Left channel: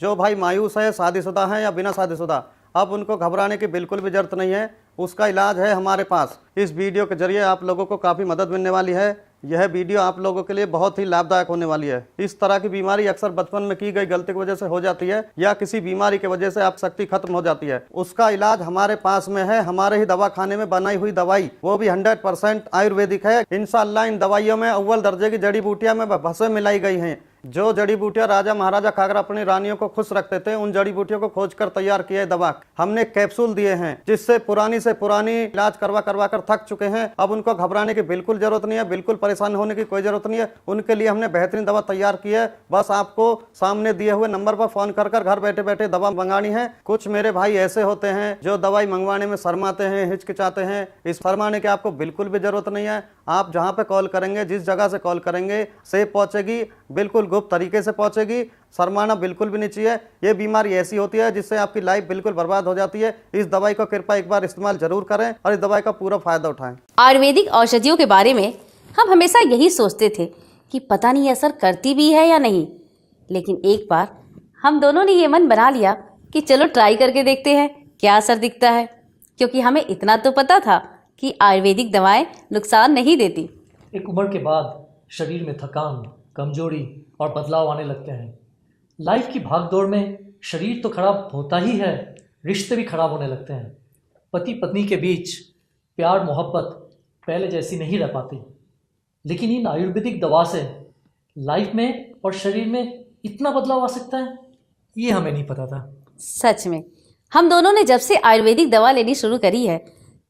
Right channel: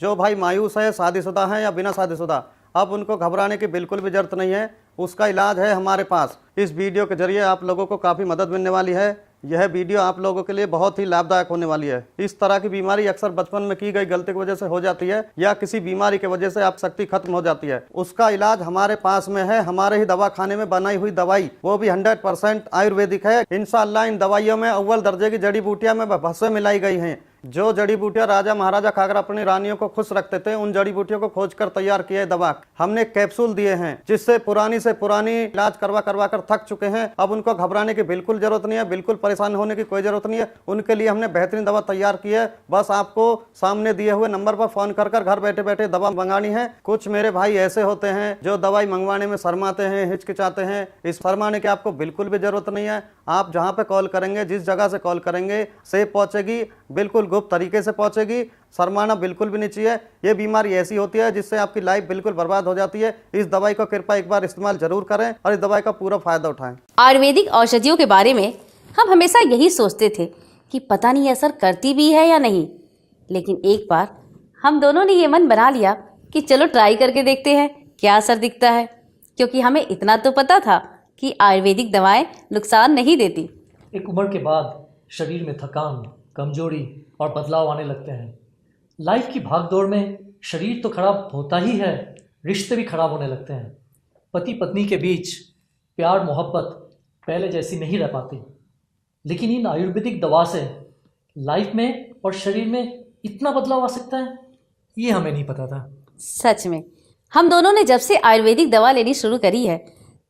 जो भाई मायूस है, शादीशुदा है या बिना शादीशुदा, अब उनको घबराने की बिल्कुल भी जरूरत नहीं है। उसका इलाज है हमारे पास। इस वीडियो के जरिए आप लोगों को काफ़ी मदद मिलने वाली है। यह वीडियो आप लोगों के लिए बहुत ही लाभदायक होने वाली है। इस तरह की बीमारी अक्सर बचपन में की गई गलती की वजह से हो जाती है या किसी बीमारी की वजह से आप शक्ति खत्म हो जाती है। उसका इलाज हमारे पास में है। हमारे ही दवा खाने में बनाई हुई दवाई, वो भी 100% आयुर्वेदिक है। इंशाअल्लाह इन दवाइयों में अव्वल दर्जे की जड़ी बूटियां में भस्म मिलाई गई हैं। जो जड़ी बूटियां राजा महाराजा खाकर अपनी रानियों को खुश रखते थे, उन जड़ी बूटियों को खोजकर तैयार किए दवा हमने कैप्सूल दिए हैं, जिससे पुरानी से पुरानी इलाज करवा करवा कर थक चुके हैं। अब उनको घबराने की बिल्कुल जरूरत नहीं है, बिल्कुल परेशान होने की कोई जरूरत नहीं है। उनके लिए हमने बेहतरीन दवा तैयार की है। बस आपको सामने दिए हुए नंबर पर फोन कर घर बैठे बैठे दवा मंगानी है। कुछ मेरे भाई ऐसे होते हैं जो दवाई मंगवाने में शर्माते हैं, हिचकिचाते हैं। इस शर्माने की आपको बिल्कुल भी जरूरत नहीं है। आप जहाँ पे कॉल करेंगे, जिस जगह से कॉल करेंगे, सेफ पहुंचेगी, बिल्कुल गुप्त तरीके से पहुंचेगी। शर्माना बिल्कुल भी नहीं चाहिए। ये बीमारी ऐसी होती है जिससे आपकी लाइफ बिल्कुल बर्बाद हो जाती है। इस दवाई को कृपया एक बार इस्तेमाल जरूर करें और इस दवाई का पूरा फायदा उठाएं। आयुर्वेदिक औषधियों के बारे में हम हमेशा यही सोचते थे कि पता नहीं असर करती भी है या नहीं, लेकिन एक बार हम दोनों ने ये मन बना लिया कि चलो ट्राई करके देखते हैं क्या असर दिखता है, क्योंकि हमें इतना तो पता था कि आयुर्वेदिक दवाएं नुकसान नहीं देती। एक उम्र के बाद शरीर में थकान, कमजोरी और बदलाव आने लगते हैं। लाइफ की भागदौड़ में शरीर तो खराब होता ही है, रिश्ते भी खराब होने लगते हैं। पति पत्नी के बीच प्यार मोहब्बत पहले जैसी नहीं रह पाती। लेकिन इन आयुर्वेदिक दवा से लाइफ में और शरीर में इतना बदलाव आ सकता है, ये हमें नहीं पता था। सच में हम दोनों ने जब से आयुर्वेदिक दवा लेनी शुरू करी है,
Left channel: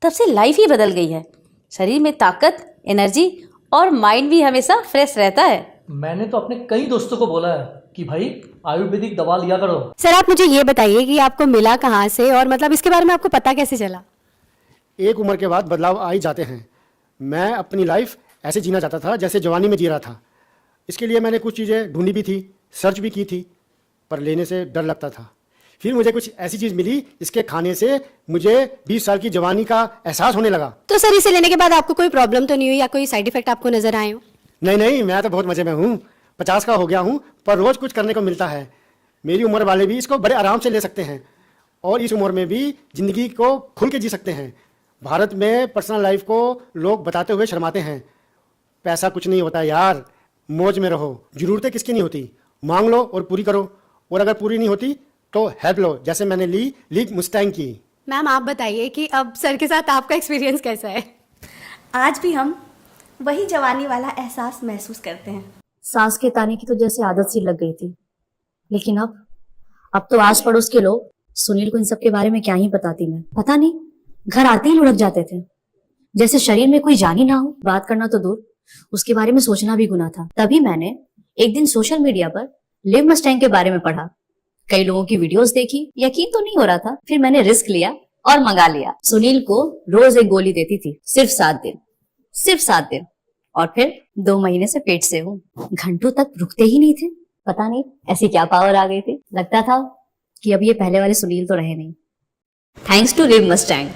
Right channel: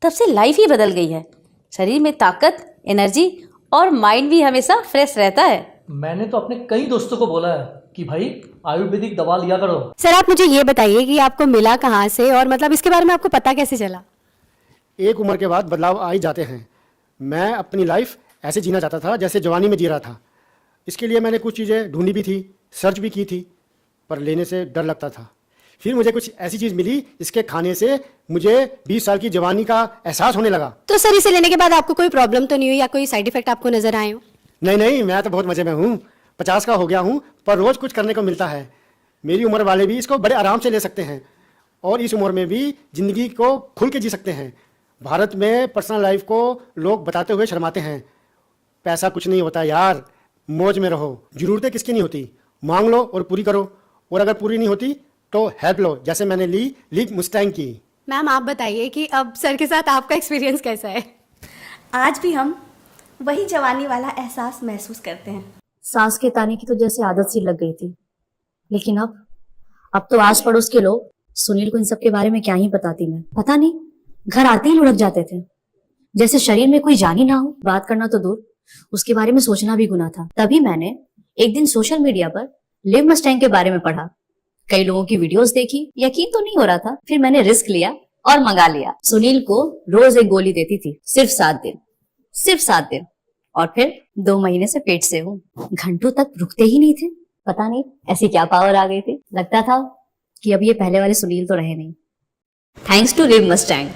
तब से लाइफ ही बदल गई है। शरीर में ताकत, एनर्जी और माइंड भी हमेशा फ्रेश रहता है। मैंने तो अपने कई दोस्तों को बोला है कि भाई आयुर्वेदिक दवा लिया करो। सर आप मुझे ये बताइए कि आपको मिला कहाँ से और मतलब इसके बारे में आपको पता कैसे चला? एक उम्र के बाद बदलाव आ ही जाते हैं। मैं अपनी लाइफ ऐसे जीना चाहता था जैसे जवानी में जी रहा था। इसके लिए मैंने कुछ चीज़ें ढूंढी भी थी, सर्च भी की थी, पर लेने से डर लगता था। फिर मुझे कुछ ऐसी चीज़ मिली, इसके खाने से मुझे 20 साल की जवानी का एहसास होने लगा। तो सर इसे लेने के बाद आपको कोई प्रॉब्लम तो नहीं हुई या कोई साइड इफेक्ट आपको नजर आए हो? नहीं, मैं तो बहुत मजे में हूँ। 50 का हो गया हूँ, पर रोज कुछ करने को मिलता है। मेरी उम्र वाले भी इसको बड़े आराम से ले सकते हैं और इस उम्र में भी जिंदगी को खुल के जी सकते हैं। भारत में पर्सनल लाइफ को लोग बताते हुए शर्माते हैं। पैसा कुछ नहीं होता यार, मौज में रहो। जरूरतें किसकी नहीं होती, मांग लो और पूरी करो, और अगर पूरी नहीं होती तो हेल्प लो, जैसे मैंने ली मुस्टैंग की। मैम आप बताइए कि अब सर के साथ आपका एक्सपीरियंस कैसा है? आज भी हम वही जवानी वाला एहसास महसूस करते हैं। सांस के ताने की तो जैसे आदत सी लग गई थी, लेकिन अब तो आस पड़ोस के लोग सुनील को इन सब के बारे में क्या ही बताती मैं। पता नहीं, घर आते ही लुढ़क जाते थे, जैसे शरीर में कोई जान ही ना हो। बात करना तो दूर, उसके बारे में सोचना भी गुनाह था। तभी मैंने एक दिन सोशल मीडिया पर लिव मस्टैंग के बारे में पढ़ा, कई लोगों की वीडियोस देखी, यकीन तो नहीं हो रहा था। फिर मैंने रिस्क लिया और मंगा लिया। सुनील को रोज एक गोली देती थी, सिर्फ 7 दिन, और फिर 2 महीने से पेट से हूँ। घंटों तक रुकते ही नहीं थे। पता नहीं ऐसी क्या पावर आ गई थी। लगता था कि अब ये पहले वाले सुनील तो रहे नहीं। Thanks to live Mustang.